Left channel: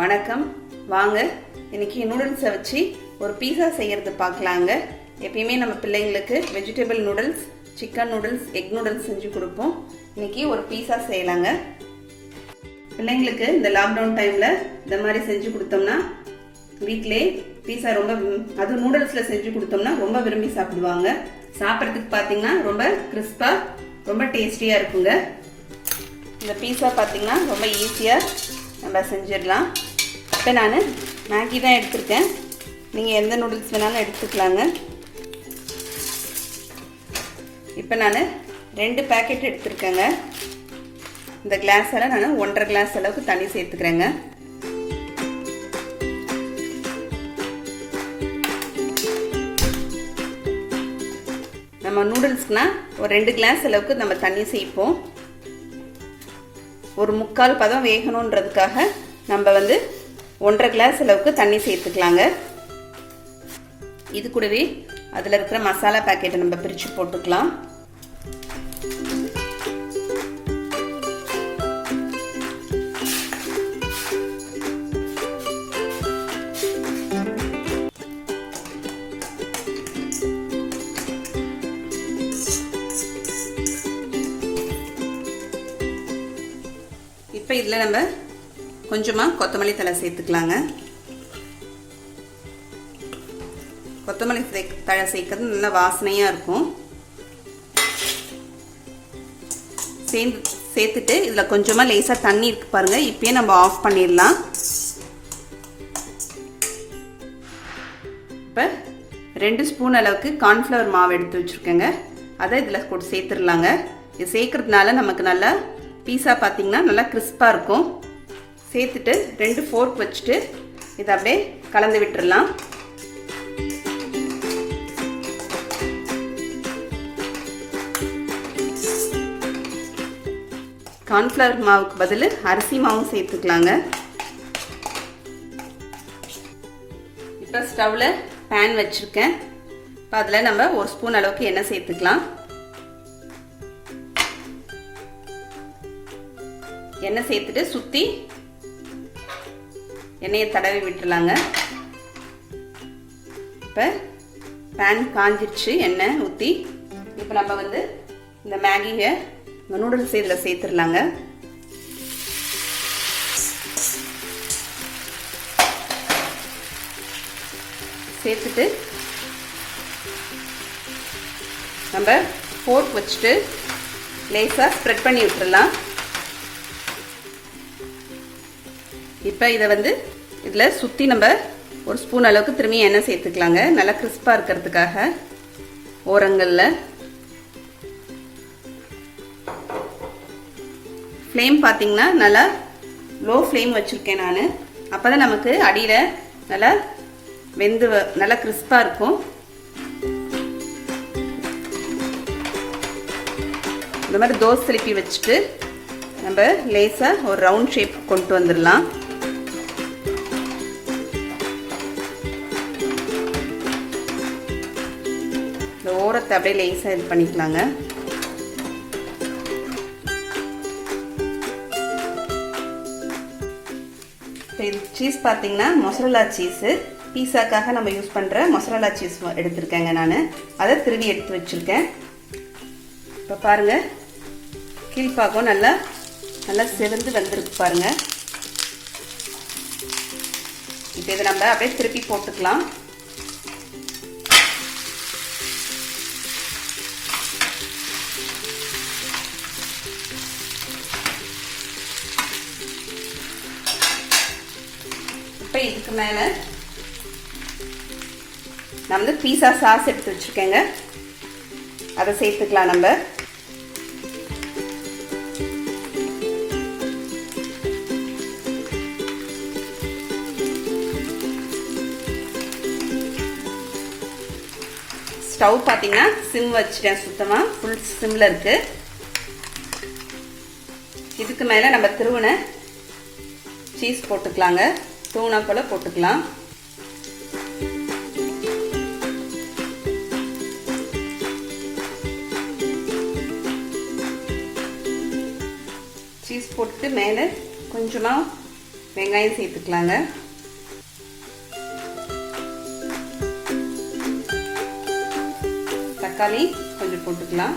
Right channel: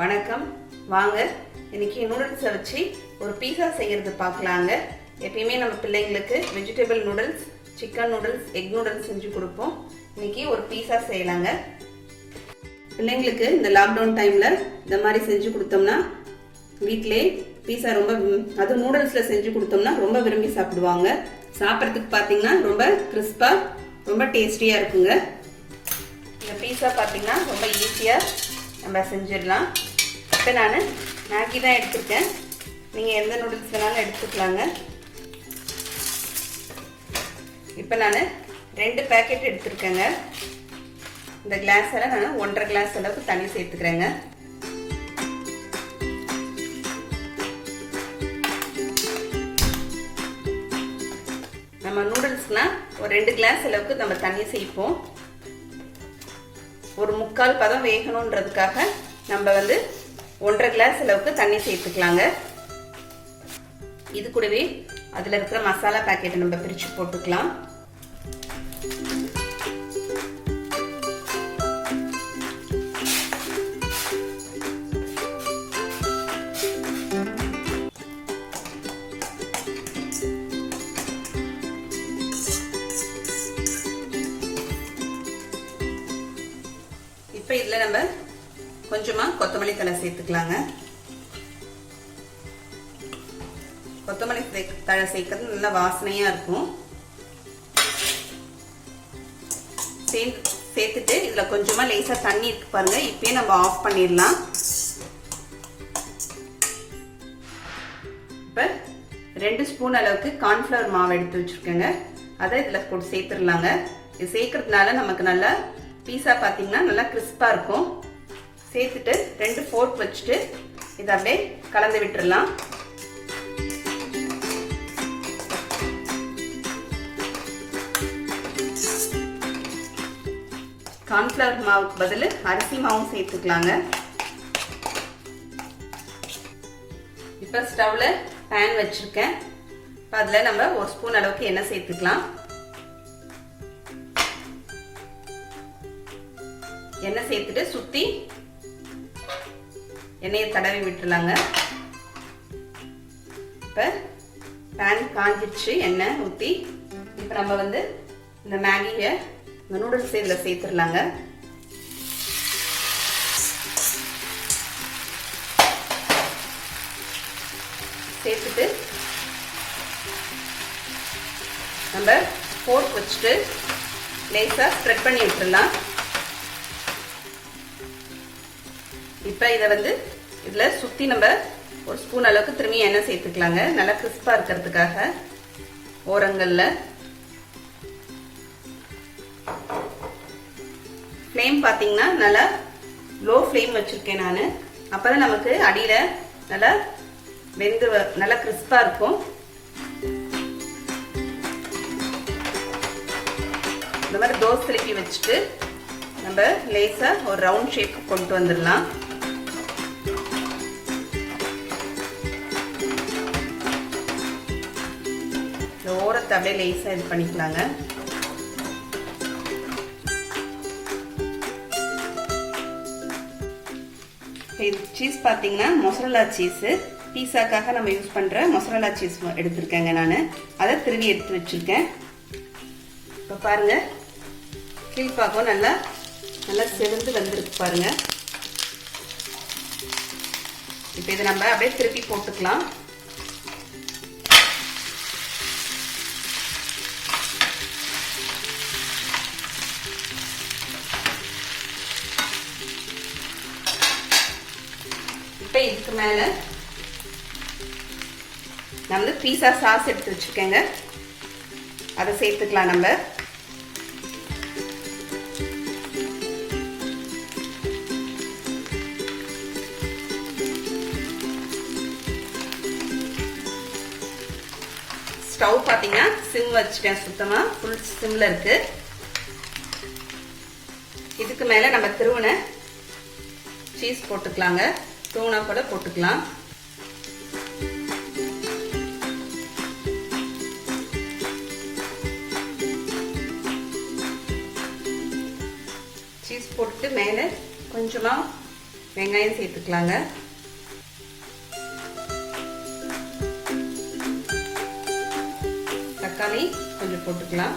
வணக்கம். வாங்க இன்னைக்கு நூடுல்ஸை வச்சு ஒரு பீஸா செய்யறது பார்க்கலாங்க. எப்பயுமே நம்ம பிள்ளைங்களுக்கு vegetable noodles, chicken noodles, egg noodles செஞ்சு கொடுப்போம். இன்னைக்கு ஒரு பீஸா செய்யலாங்க. பிள்ளைங்களுக்கு இந்த லாக்டவுன் டைம்ல இந்த மாதிரி செஞ்சு கொடுத்தோம்னா வீட்டிலே பீஸா ரொம்ப, அது நூடுல்ஸ்ல செஞ்சு கொடுத்தோம்னா ரொம்ப விரும்பி சாப்பிடுவாங்க. சாப்பிட்றதுக்கு பார்த்தீங்கன்னா ரொம்ப கிறிஸ்பா, ரொம்ப டேஸ்டியா இருக்குங்க. இந்த பீஸா பார்த்தீங்கன்னா ரொம்ப ஈஸியா நம்ம செஞ்சிடலாம். இப்போ நான் மேகி தான் எடுத்துருக்கேன். நீங்கள் எந்த நூடுல்ஸ் வேணாலும் எடுத்துக்கலாங்க. இப்போ நான் 2 பேக்கெட் எடுத்துருக்கேங்க. இந்த கிளாஸில் நான் 1.5 கிளாஸ் அளவுக்கு தண்ணி சேர்த்துக்கிறேங்க. நம்ம நூடுல்ஸ்னா ஒரு 2 கிளாஸ் அளவுக்கு நம்ம தண்ணி சேர்ப்போம். ஒரு 3/4 பதம் வேகணுன்றதுக்காக நம்ம 1.5 கிளாஸ் அளவுக்கு தண்ணி சேர்த்துக்கலாங்க. இது கூடவே அதில் இருக்கிற மசாலா பேக்கெட்டை நம்ம பிரித்து போட்டுக்கலாம். இப்போ இதில் நம்ம கொஞ்சமாக கொத்தமல்லி தழை சேர்த்துக்கலாங்க. கொத்தமல்லி தழை சேர்க்கறது நல்ல வாசனையாக இருக்கும். சேர்த்துட்டு இதில் கொஞ்சமாக லேசாக தண்ணி இருக்கு பாருங்க. இப்பயே நம்ம ஆஃப் பண்ணிடலாம். இப்போ 2 ஸ்பூன் அளவுக்கு கார்ன்ஃப்ளவர் மாவு எடுத்து வச்சுருக்கேங்க. அதை இதில் போட்டு சேர்த்துடலாங்க. இது சேர்க்கறதுனால நமக்கு நல்லா பீஸா பார்த்தீங்கன்னா நல்லா கிறிஸ்பாக இருக்கும். சேர்த்துட்டு 2 ஃபோர்க் வச்சுட்டு இதை அப்படியே கலந்து விட்டுடலாம். கார்ன்ஃப்ளவர் மாவுக்கு பதில் அரிசி மாவும் சேர்த்துக்கலாங்க. இப்போ ஸ்டவ்ல பேன் வச்சிருக்கேன். இப்போ அதில் நம்ம 1 ஸ்பூன் அளவுக்கு எண்ணெய் சேர்த்துக்கலாம். எண்ணெய் சேர்த்துட்டு சுற்றி எண்ணெயை தடவி விட்டுலாங்க. இப்போ பேன் காஞ்சிடுச்சு, எண்ணெய் ஊற்றி இப்போ நம்ம இந்த மேகியை, இந்த நூடுல்ஸ் இதில் சேர்த்துடலாங்க. சேர்த்துட்டு நம்ம ஃபோர்க் வச்சுட்டு லேசாக ஸ்ப்ரெட் பண்ணி விட்டுடலாம். இப்போ இதை இதில் சுற்றி நம்ம 1 ஸ்பூன் அளவுக்கு திரும்பி எண்ணெய் சேர்த்துக்கலாங்க. நல்லா கிறிஸ்பாக இருக்கிறதுக்காக ஓரங்களில். ஃப்ளேம் பார்த்தீங்கன்னா நல்லா லோ ஃப்ளேம் வச்சுருக்கேன் நான். அப்போ தான் நமக்கு அடியில் நல்லா வெந்து நல்லா கிறிஸ்பாக இருக்கும். இந்த மாதிரி தோசை திருப்பி வச்சுட்டு நம்ம லேசாக ஒரு ரவுண்ட் ஷேப் கொண்டு வந்துடலாம். ஓரத்தை அப்படியே லேசாக இது பண்ணிக்கலாங்க. சீஸ் பார்த்தீங்கன்னா மொசரல்லா சீஸு, பீஸாக்காக நம்ம யூஸ் பண்ணுற மொசரல்லா சீஸ் எடுத்திருக்கேங்க. நான் அதை திருவி எடுத்து வச்சுருக்கேன். இப்போ பாருங்கள், கீழ்பாக்கம் நல்லா நல்லா செவந்து வந்துருக்கு பாருங்க. இப்போ இதை நம்ம அப்படியே திருப்பி போட்டுக்கலாம். இப்போ இதுக்கு மேலே நம்ம பீஸா சாஸ் எடுத்து வச்சுருக்கேங்க. அதை சேர்த்துக்கலாம். நம்ம ஸ்டவ் பார்த்தீங்கன்னா சிம் வச்சுட்டேன். சுத்தமாக ஃபுல் சிம்மில் இருக்கு. இதுக்கு மேலே நம்ம திருவுன சீஸ் போட்டுக்கலாங்க. தூணா கூட போட்டுக்கலாம். சீஸ் போட்டு மேலே கொஞ்சமாக வெங்காயம் சேர்த்துக்கலாங்க. தக்காளி கொஞ்சம் போட்டுக்கலாம்.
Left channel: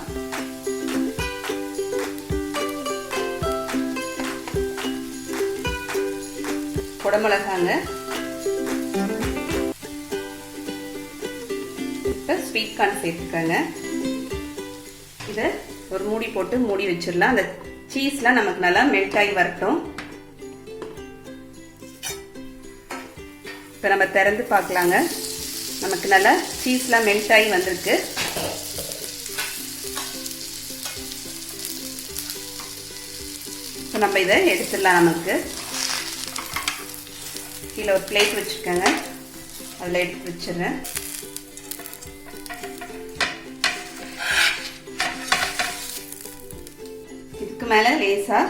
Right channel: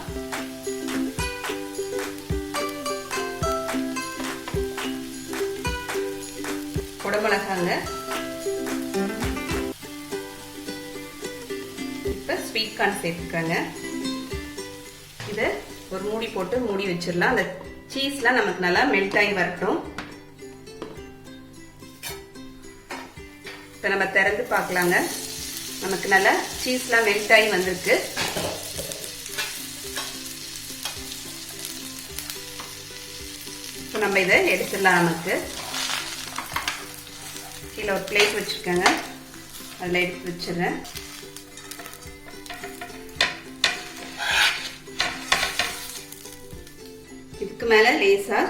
குடமிளகாங்க. இப்போ ஸ்வீட் கார்ன் சேர்த்துக்கங்க. இதை ஒரு மூடி போட்டு மூடி வச்சிடலாம். அந்த சீஸ்லாம் நமக்கு நல்லா மெல்ட் ஆகி வரட்டும். இப்போ நம்ம திறந்து பார்க்கலாங்க. நமக்கு நல்லா சீஸ்லாம் மெல்ட் ஆகி வந்திருக்கு. இப்போ நம்ம இதை எடுத்துடலாம். நமக்கு கீழே ஒரு பிளேட் வச்சுக்கோங்க. அதில் எடுத்து வச்சிடுறேன். இதுக்கு மேலே லேசாக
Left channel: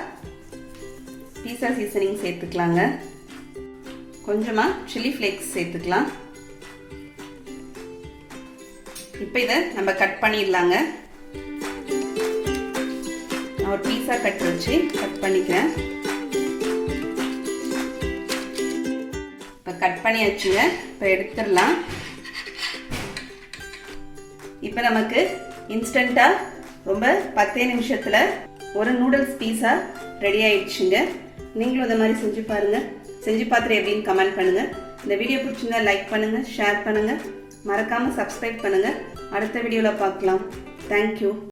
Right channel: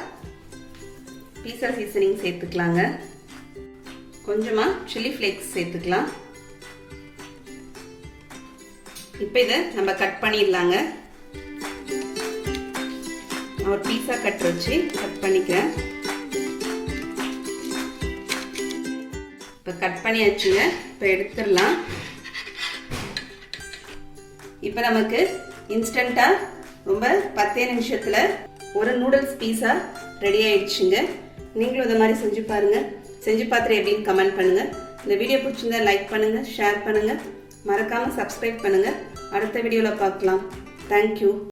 பீஸா சீசனிங் சேர்த்துக்கலாங்க. கொஞ்சமாக சில்லி ஃப்ளேக்ஸ் சேர்த்துக்கலாம். இப்போ இதை நம்ம கட் பண்ணிடலாங்க. நான் ஒரு பீஸா கட் வச்சு கட் பண்ணிக்கிறேன். இப்போ கட் பண்ணியாச்சுங்க. இப்போ எடுத்துடலாம். இப்போ நமக்கு இன்ஸ்டண்ட்டாக ரொம்ப 10 நிமிஷத்தில் ஒரு நூடுல்ஸ் பீஸா ரெடி ஆயிடுச்சுங்க. நீங்களும் இந்த மாதிரி செஞ்சு பாருங்க. செஞ்சு பார்த்துட்டு எப்படின்னு கமெண்ட் பண்ணுங்க. இந்த வீடியோ பிடிச்சிருந்தா லைக் பண்ணுங்க, ஷேர் பண்ணுங்க, மறக்காம சப்ஸ்கிரைப் பண்ணுங்க. அடுத்த வீடியோவில் பார்க்கலாம். தேங்க்யூ.